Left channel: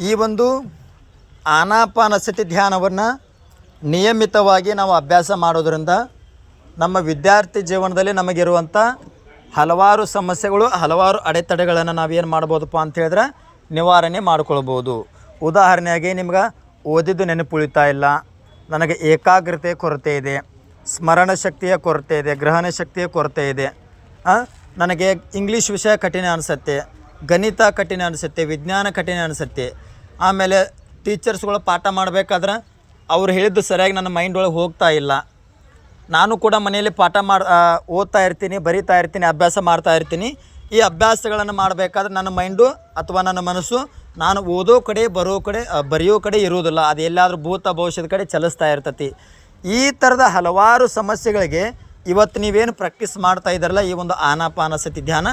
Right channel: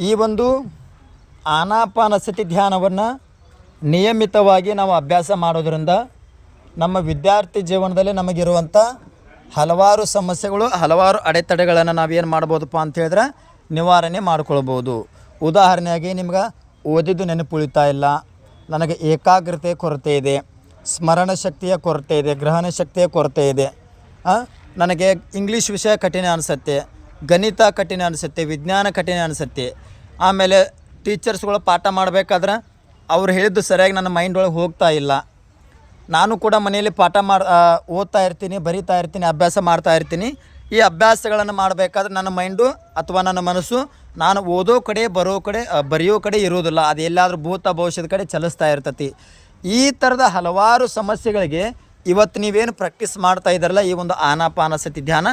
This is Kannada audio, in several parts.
ಈ ಒಂದು ಆನಾಪಾನಸತಿ ಧ್ಯಾನವನ್ನು ನಿಯಮಿತವಾಗಿ ನಾವು ಅಭ್ಯಾಸ ಮಾಡೋದರಿಂದ ನಮ್ಮ ವಿದ್ಯಾರ್ಥಿ ಜೀವನದಲ್ಲಿ ನಮಗಿರುವಂಥ ಹಲವಾರು ಸಮಸ್ಯೆಗಳು, ಹಲವಾರು ಅಡೆತಡೆಗಳನ್ನು ನಾವೇನು ಮಾಡ್ಬೋದಪ್ಪ ಅಂತ ಹೇಳಿದ್ರೆ ನಿವಾರಣೆ ಮಾಡ್ಕೊಳ್ಬೋದು. ಉದಾಹರಣೆಯಾಗಿ ನಿಮ್ಗೆ ಓದಿದ್ದು ನೆನಪು ಉಳಿತಾ ಇಲ್ಲ. ನನಗೆ ಏಕಾಗ್ರತೆ ಕೊರತೆ ಇದೆ. ಸ್ಮರಣ ಶಕ್ತಿಯ ಕೊರತೆ ಇದೆ. ಗ್ರಹಣ ಶಕ್ತಿಯ ಕೊರತೆ ಇದೆ. ನನಗೆ ಇಂಗ್ಲೀಷ್ ವಿಷಯ ಕಠಿಣ ಅನಿಸುತ್ತೆ. ಗಣಿತ ಕಠಿಣ ಅನಿಸುತ್ತೆ, ವಿಜ್ಞಾನ ಕಠಿಣ ಅನಿಸುತ್ತೆ. ಆಮೇಲೆ ಟೀಚರ್ಸ್ಗಳು ಪಾಠ ಮಾಡಬೇಕಾದ್ರೆ ಅವ್ರು ಹೇಳಿದ್ದು ಸರಿಯಾಗಿ ನನ್ನ ಮೈಂಡ್ ಒಳಗೆ ಹೋಗ್ತಾ ಇಲ್ಲ. ನಾನು ಕೂಡ ಮನೆಯಲ್ಲಿ ಪಾಠ ಮಾಡಿ ಓದ್ತಾ ಇರ್ತೀನಿ, ಬರಿತಾ ಇರ್ತೀನಿ, ಅಭ್ಯಾಸ ಮಾಡ್ತಾ ಇರ್ತೀನಿ. ಈ ಅಭ್ಯಾಸಗಳನ್ನು ಮಾಡಬೇಕಾದ್ರೆ ನನ್ನ ಮೈಂಡು ಅಥವಾ ನನ್ನ ಮನಸ್ಸು ನಾನು ಓದೋ ಕಡೆ, ಬರೋ ಕಡೆ ಬರೆಯೋ ಕಡೆ ಇರೋದಿಲ್ಲ ಅದು ಎಲ್ಲಾದರೂ ಭೂತ ಭವಿಷ್ಯದ ಕಡೆ ಚಲಿಸ್ತಾ ಇರ್ತತಿ. ಈ ಥರದ ಹಲವಾರು ಸಮಸ್ಯೆಗಳಿಗೆ ಇವತ್ತು ನೀವೇನು ಪ್ರಾಕ್ಟೀಸ್ ಮಾಡ್ತಾ ಇದ್ದಾರಲ್ಲ, ಈ ಒಂದು ಆನಾಪಾನಸತಿ ಧ್ಯಾನ,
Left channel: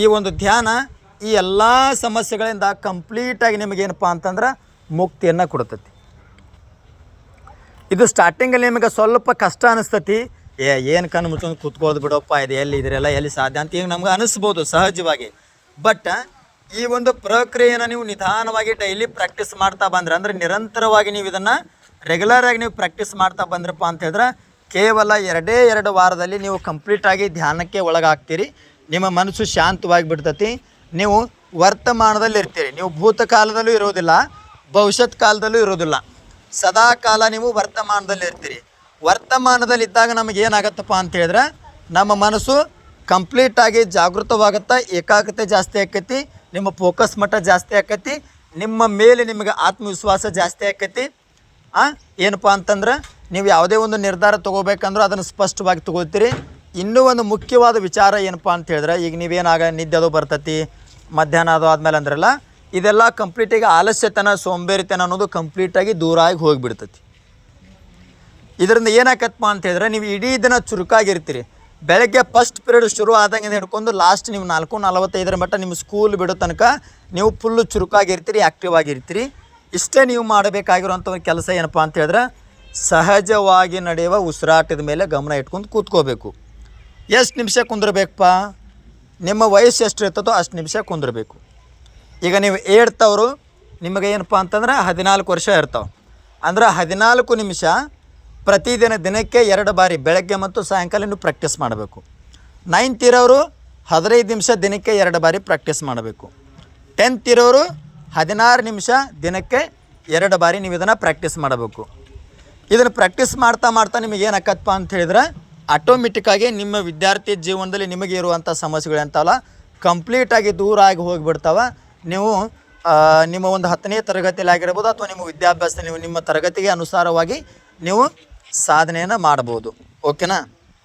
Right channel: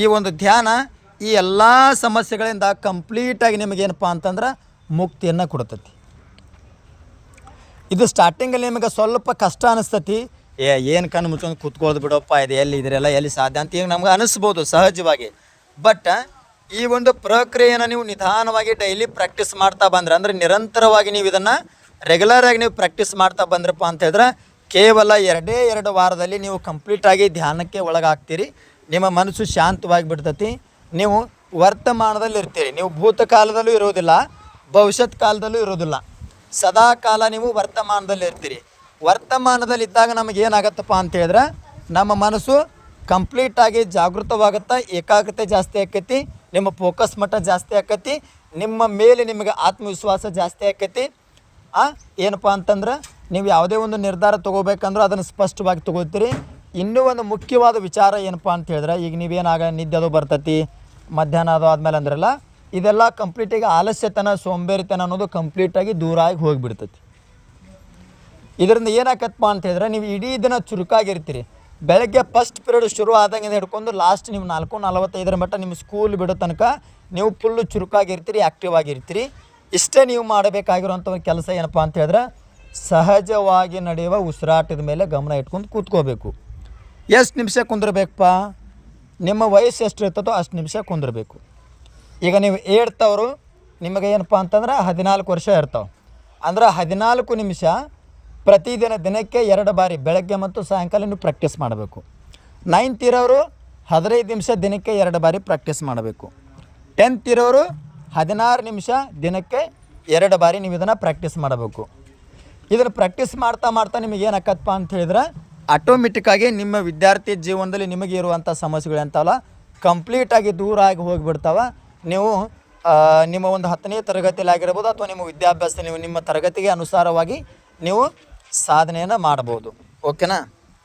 ಈ ಒಂದು ಧ್ಯಾನ ಈ ಎಲ್ಲ ಸಮಸ್ಯೆಗಳಿಂದ ಕಂಪ್ಲೀಟಾಗಿ ನಿಮಗೇನಪ್ಪ ಅಂತಂದ್ರೆ ಮುಕ್ತಿಯನ್ನು ಕೊಡ್ತತಿ. ಇದು ಸ್ಟಾರ್ಟಿಂಗಲ್ಲಿ ನಿಮಗೆ ಸ್ವಲ್ಪ ಕಷ್ಟ ಅನಿಸ್ತತಿ. ಏ, ಏನು ಕಣ್ಣು ಮುಚ್ಕೊಂಡು ಕೂತ್ಕೋದು ಬಿಡಪ್ಪ, ಇದು ಎಲ್ಲಿ, ಇದರೆಲ್ಲ ಎಲ್ಲಿ ಸಾಧ್ಯ ಅಂತ ಈಗ ನಮ್ಗೆ ಅನಿಸ್ಬೋದು ಸಹಜವಾಗಿ. ಬಟ್ ಈ ಒಂದು ಪ್ರಕ್ರಿಯೆಯನ್ನು ನೀವು ನಿಧಾನವಾಗಿ ಡೈಲಿ ಪ್ರಾಕ್ಟೀಸ್ ಮಾಡ್ತಾ ಬಂದ್ರೆ, ಅಂದರೆ ನಿರಂತರವಾಗಿ ನೀವು ಇದನ್ನು ರೆಗ್ಯುಲರ್ ಆಗಿ ನೀವು ಪ್ರಾಕ್ಟೀಸ್ ಮಾಡ್ತಾ ಬಂದ್ರಪ್ಪ ಅಂತ ಹೇಳಿದ್ರೆ ಕೇವಲ ಎರಡೇ ಎರಡು ವಾರದಲ್ಲಿ ನೀವು ಕಂಪ್ಲೀಟಾಗಿ ಧ್ಯಾನಕ್ಕೆ ಒಳಗಾಗ್ತೀರಿ. ನಿಮ್ಮ ಮನಸ್ಸು ಶಾಂತವಾಗಿ ಬಿಡ್ತತಿ. ನೀವು ವರ್ತಮಾನದಲ್ಲಿ ಇರ್ತೀರಿ. ನೀವು ಭೂತಕಾಲದಲ್ಲೂ ಇರೋದಿಲ್ಲ ಭವಿಷ್ಯತ್ ಕಾಲದಲ್ಲೂ ಇರೋದಿಲ್ಲ ಸದಾ ಕಾಲ ನೀವು ವರ್ತಮಾನದಲ್ಲಿ ಇರ್ತೀರಿ. ವರ್ತಮಾನದಲ್ಲಿ ಇದ್ದಾಗ ನಮಗೆ ಏನಾಗತ್ತಪ್ಪ ಅಂತ ಹೇಳಿದ್ರೆ, ನಮ್ಮ ಮನಸ್ಸು ಕಂಪ್ಲೀಟಾಗಿ ಜಾಗೃತವಾಗುತ್ತಾ, ಏಕಾಗ್ರತೆ ಜಾಸ್ತಿ ಆಕೈತಿ, ನಿಮ್ಮ ಫೋಕಸ್ ಮಟ್ಟ ಜಾಸ್ತಿ ಆಕೈತಿ, ನಿಮ್ಮ ಮೇಲೆ ನಿಮಗೆ ಆತ್ಮವಿಶ್ವಾಸ ಜಾಸ್ತಿ ಆಕೈತಿ. ಏನಪ್ಪ ಅಂತಂದ್ರೆ, ನೀವು ಯಾವುದೇ ಒಂದು ನಿರ್ಧಾರ ತೊಗೋಬೇಕಂದ್ರೂ ಅದನ್ನು ಸ್ಪಷ್ಟವಾಗಿ ತೊಗೋತೀರಿ. ಇನ್ನೂ ಒಂದು ಮುಖ್ಯವಾದ ವಿಚಾರ ಏನಪ್ಪ ಅಂತ ಹೇಳಿದ್ರೆ, ಈಗ ನೀವೇನಾಗ ನಿದ್ದೆ ಅದು ಬರ್ತತಿ, ಮಧ್ಯಾಹ್ನ ಅದು ಆದಮೇಲೆ ಅಂದ್ರಲ್ಲ, ಇದೆಲ್ಲ ಕಂಪ್ಲೀಟಾಗಿ ಆಲಸ್ಯತನ, ಸೋಂಬೇರಿತನ ಅನ್ನೋದು ಕಂಪ್ಲೀಟಾಗಿ ದೂರ ಆಗಿ ಹೋಗಿಬಿಡ್ತತಿ. ಇದರಿಂದ ಏನಾಕತ್ತಪ್ಪ ಅಂತ ಹೇಳಿದ್ರೆ, ನೀವು ಇಡೀ ದಿನ ಚುರುಕಾಗಿರ್ತೀರಿ. ಬೆಳಗ್ಗೆ ಫಸ್ಟ್ ಪೀರಿಯಡ್ ಶುರು ಆದಂಗೆ ಹಿಡ್ಕೊಂಡು ಲಾಸ್ಟ್ ನೀವು ನಾಲ್ಕು, ನಲವತ್ತೈದರ ಮಟ್ಟ ನಿಮ್ಮ ಸ್ಕೂಲ್ ಬಿಡೋ ತನಕ ನೀವು ಫುಲ್ಲು ಚುರುಕಾಗಿರ್ತೀರಿ ಆ್ಯಕ್ಟಿವ್ ಆಗಿರ್ತೀರಿ. ಇಷ್ಟೇ ನೀವು ಮಾಡಬೇಕಾಗಿರುವಂಥ ಒಂದು ಕೆಲಸ ಏನಪ್ಪ ಅಂತ ಹೇಳಿದ್ರೆ, ಸಹಜವಾಗಿ ನಡೆಯುವ ಉಸಿರಾಟದ ಮೇಲೆ ಗಮನ ಇಟ್ಕೊಂಡು ಕೂತ್ಕೋಬೇಕು. ಎಷ್ಟು ನಿಮಿಷ ಕುಂದಿರ್ಬೇಕಪ್ಪ? ನಿಮ್ಮ ವಯಸ್ಸು ಎಷ್ಟು ಇರ್ತದೋ ಅಷ್ಟು ನಿಮಿಷ ಕುಂದಿರ್ಬೇಕು. ಈಗ ನೀವು ಏಡ್ತವ್ರು ನಿಮಗೆ ಏನಪ್ಪ ಅಂತಂದ್ರೆ ಹದಿನಾಲ್ಕು ವರ್ಷ ಇರ್ತಾವೆ. ಅಂದ್ರೆ ಹದಿನಾಲ್ಕು ನಿಮಿಷ ಪ್ರತಿದಿನ ದಿನಕ್ಕೆ ಎರಡು ಬಾರಿ ಬೆಳಗ್ಗೆ ಮತ್ತು ಸಾಯಂಕಾಲ ನೀವು ಪ್ರಾಕ್ಟೀಸ್ ಮಾಡಬೇಕು. ನೈನ್ತ್ ಇರೋರು ಹದಿನೈದು ನಿಮಿಷ ದಿನಕ್ಕೆ ಎರಡು ಬಾರಿ ಪ್ರಾಕ್ಟೀಸ್ ಮಾಡಬೇಕು. ಟೆಂತ್ ಇರೋರು ಹದಿನಾರು ನಿಮಿಷ ದಿನಕ್ಕೆ ಎರಡು ಬಾರಿ ನೀವು ಇದನ್ನು ಪ್ರಾಕ್ಟೀಸ್ ಮಾಡಬೇಕು. ಇದನ್ನು ಪ್ರಾಕ್ಟೀಸ್ ಮಾಡ್ತಾ ಮಾಡ್ತಾ ನಿಮಗೆ ಏನಾಕತ್ತಪ್ಪ ಅಂತ ಹೇಳಿದ್ರೆ ಆಟೋಮೆಟಿಕ್ಕಾಗಿ ನಿಮ್ಮ ವಿದ್ಯಾರ್ಥಿ ಜೀವನದಲ್ಲಿ ನಿಮಗೆ ಇರುವಂಥ ಸಮಸ್ಯೆಗಳು ಎಂತಲ್ಲ ಕಂಪ್ಲೀಟಾಗಿ ದೂರ ಆಗಿ ಹೋಗಿಬಿಡ್ತಾವೆ. ನೀವು ನಿಮ್ಮ ಒಂದು ಹತ್ತನೇ ತರಗತಿಯಲ್ಲಿ ಆಗಿರ್ಬೋದು ಅಥವಾ ನಿಮ್ಮ ವಿದ್ಯಾಭ್ಯಾಸ ನೀವು ನಿಮ್ಮ ತರಗತಿಗೆ ಅನುಸಾರವಾಗಿ ನೀವು ಸಾಧನೆಯನ್ನು ಮಾಡ್ಬೋದು. ಓಕೆನಾ